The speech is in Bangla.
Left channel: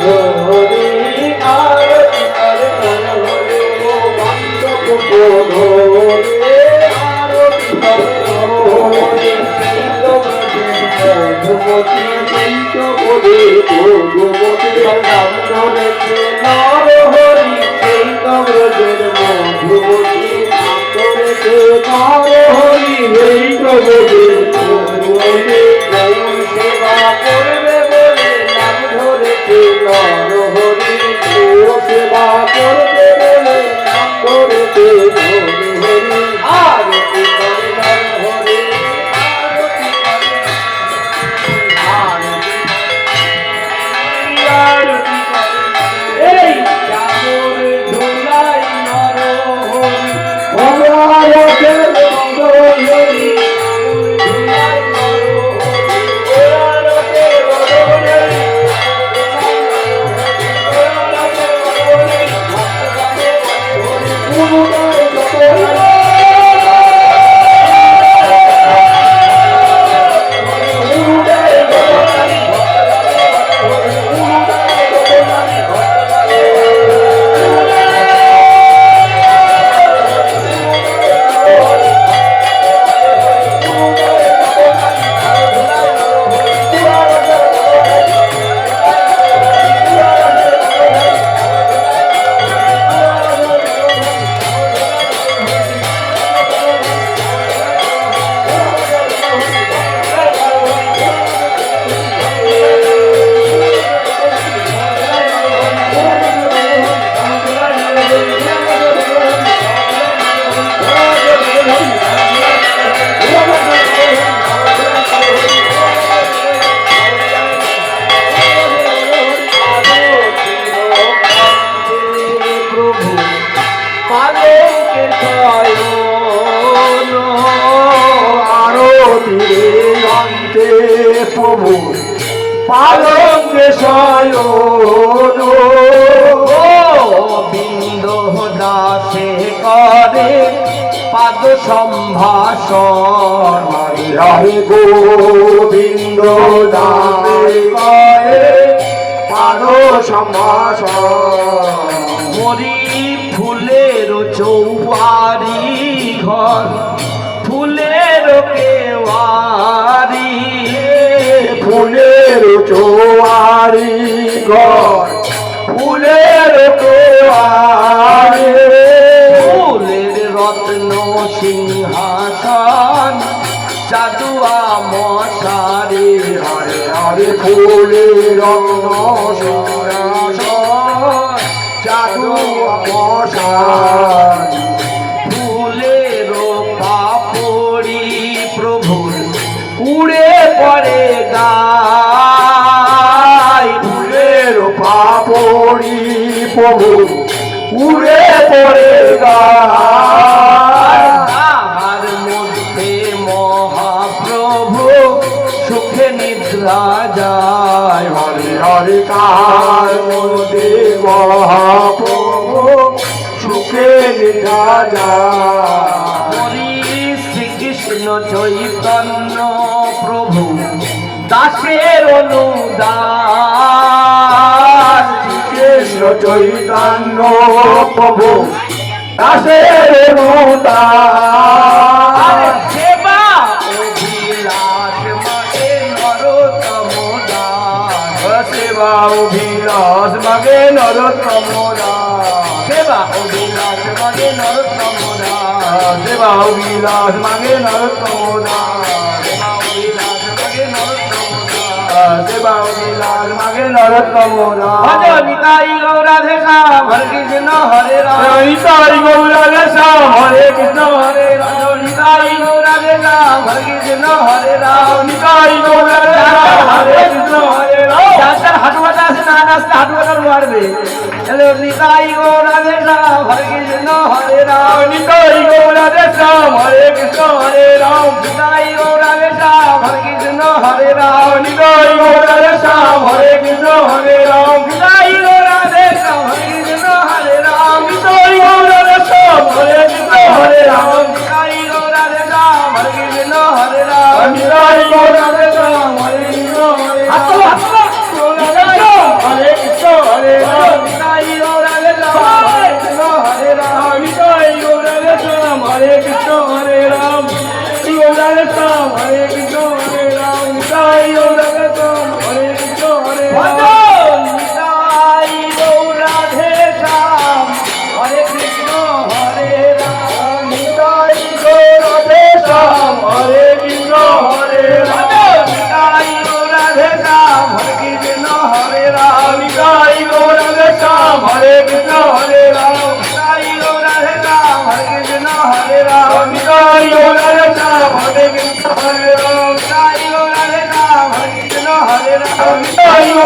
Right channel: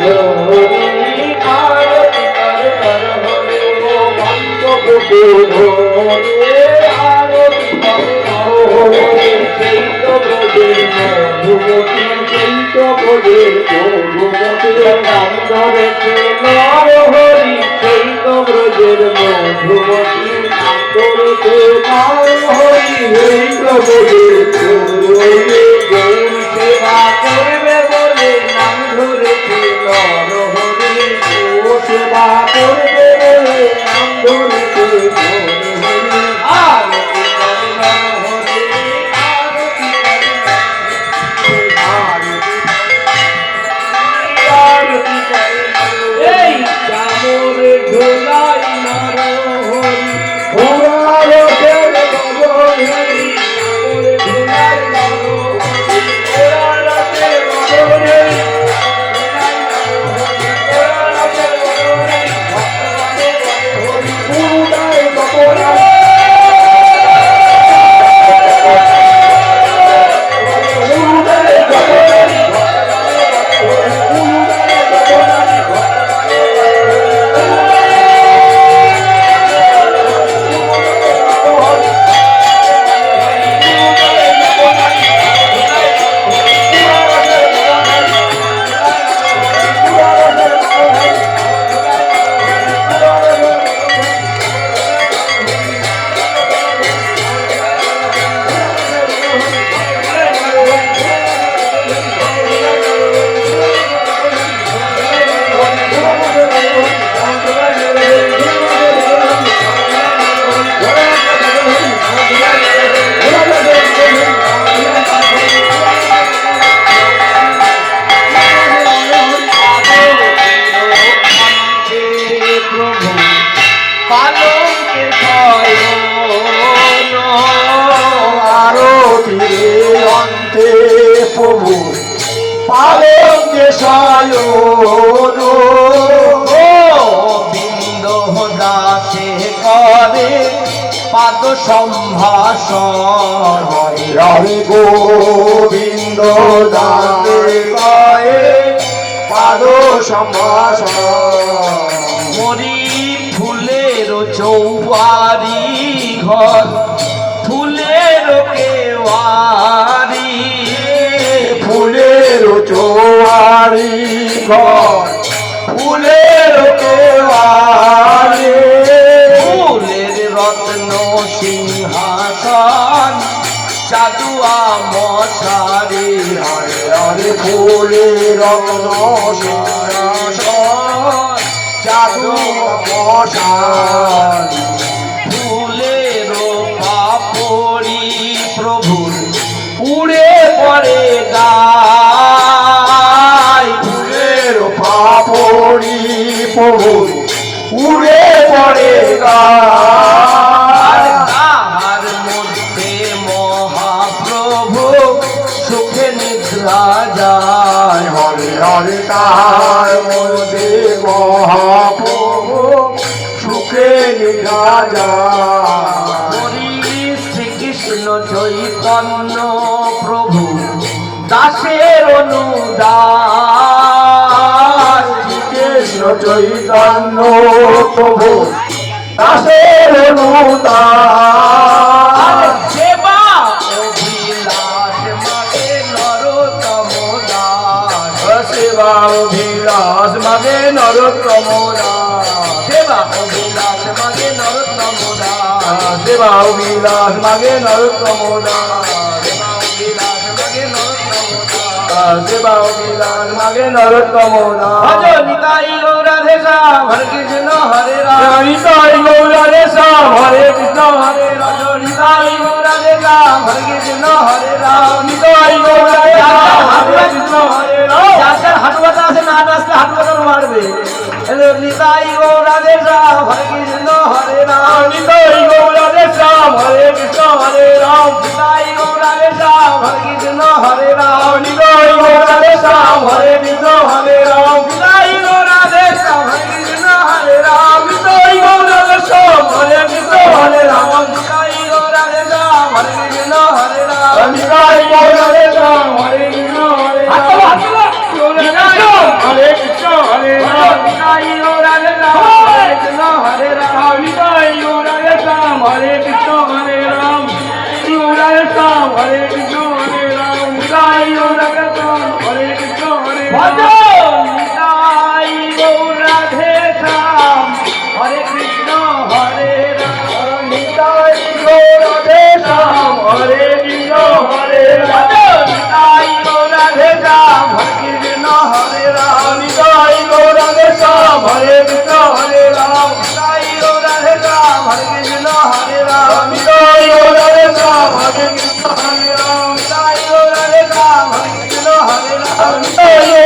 ধরে আরতি করে মণ্ডপ ধরে আরতি করে সেই তো ব্রজের মধুমতি সেই তো ব্রজের মধুমতি নাম ধরেছে নর হরি সেই তো ব্রজের মধুমতি নাম ধরেছে নর হরি সেই তো ব্রজের মধুমতি গৌর সেবা করবে বলে নাম ধরেছে নর হরি গৌর সেবা করবে বলে নাম ধরেছে গৌর হরি আরতি করে নর হরি আরতি এই কামর ঝোলাই নর হরি ভগবানের বদলে কামর ঝোলাই নর হরি পুরুষের বদলে প্রভু পালন যে শয়ন গোবিন্দ দাসে করে পাদ সম্ভাষণ হরে গোবিন্দ দাসে করে পাদ সম্ভাষণ মরি ফুলের চৌবারি ঘর ফুলের কেওয়ারি ফুলের চৌবারি ঘর ফুলের কেওয়ারি ফুলের রত্ন সিংহাসন চাদুয়া মশারি হরে হরে ফুলের রত্ন সিংহাসন চাদুয়া মশারি ফুলের পাপড়ি প্রভুর উড়ে পড়ে গায় ফুলের পাপড়ি প্রভুর উড়ে পড়ে গায় তাহার মধ্যে মহাপ্রভু সুখে নিদ্রা যায় হরে হরে তাহার মধ্যে মহাপ্রভু সুখে নিদ্রা যায় শ্রীকৃষ্ণ চৈতন্য প্রভু দাসের অনুদান শ্রীকৃষ্ণ চৈতন্য প্রভু দাসের অনুদান সেবা অভিলাষ মাগে নরোত্তম দাস সেবা অভিলাষ মাগে নরোত্তম দাস সেবা অভিলাষ মাগে নরোত্তম দাস সেবা অভিলাষ মাগে নরোত্তম দাস সেবা অভিলাষ মাগে নরোত্তম দাস ভজ নিতাই গৌরাধে শ্যাম হরে কৃষ্ণ হরে রাম নিতাই গৌরাধে শ্যাম হরে কৃষ্ণ হরে রাম নিতাই গৌরাধে শ্যাম হরে কৃষ্ণ হরে রাম নিতাই গৌরাধে শ্যাম হরে কৃষ্ণ হরে রাম যার হাঁটু ব্যথা আছে না নাচলে হাঁটু ব্যথা মারবে নিতাই গৌরাধে শ্যাম হরে কৃষ্ণ হরে রাম নিতাই গৌরাধে শ্যাম হরে কৃষ্ণ হরে রাম নিতাই গৌরাধে শ্যাম হরে কৃষ্ণ হরে রাম নিতাই গৌরাধে শ্যাম হরে কৃষ্ণ হরে রাম নিতাই গৌরাধে শ্যাম হরে কৃষ্ণ হরে রাম নিতাই গৌরাধে শ্যাম হরে কৃষ্ণ হরে রাম নিতাই গৌরাধে শ্যাম হরে কৃষ্ণ হরে রাম নিতাই গৌরাধে শ্যাম হরে কৃষ্ণ হরে রাম হরে কৃষ্ণ শ্যাম হরে কৃষ্ণ হরে রাম নিতাই গৌর রাধে শ্যাম হরে কৃষ্ণ হরে রাম নিতাই গৌর রাধে শ্যাম হরে কৃষ্ণ হরে রাম নিতাই গৌর রাধে শ্যাম হরে কৃষ্ণ হরে রাম নিতাই গৌর রাধে শ্যাম হরে কৃষ্ণ হরে রাম নিতাই গৌর রাধে শ্যাম হরে কৃষ্ণ হরে রাম নিতাই গৌর রাধে শ্যাম হরে কৃষ্ণ হরে রাম নিতাই গৌর রাধে শ্যাম হরে কৃষ্ণ হরে রাম নিতাই গৌর রাধে শ্যাম হরে কৃষ্ণ হরে রাম নিতাই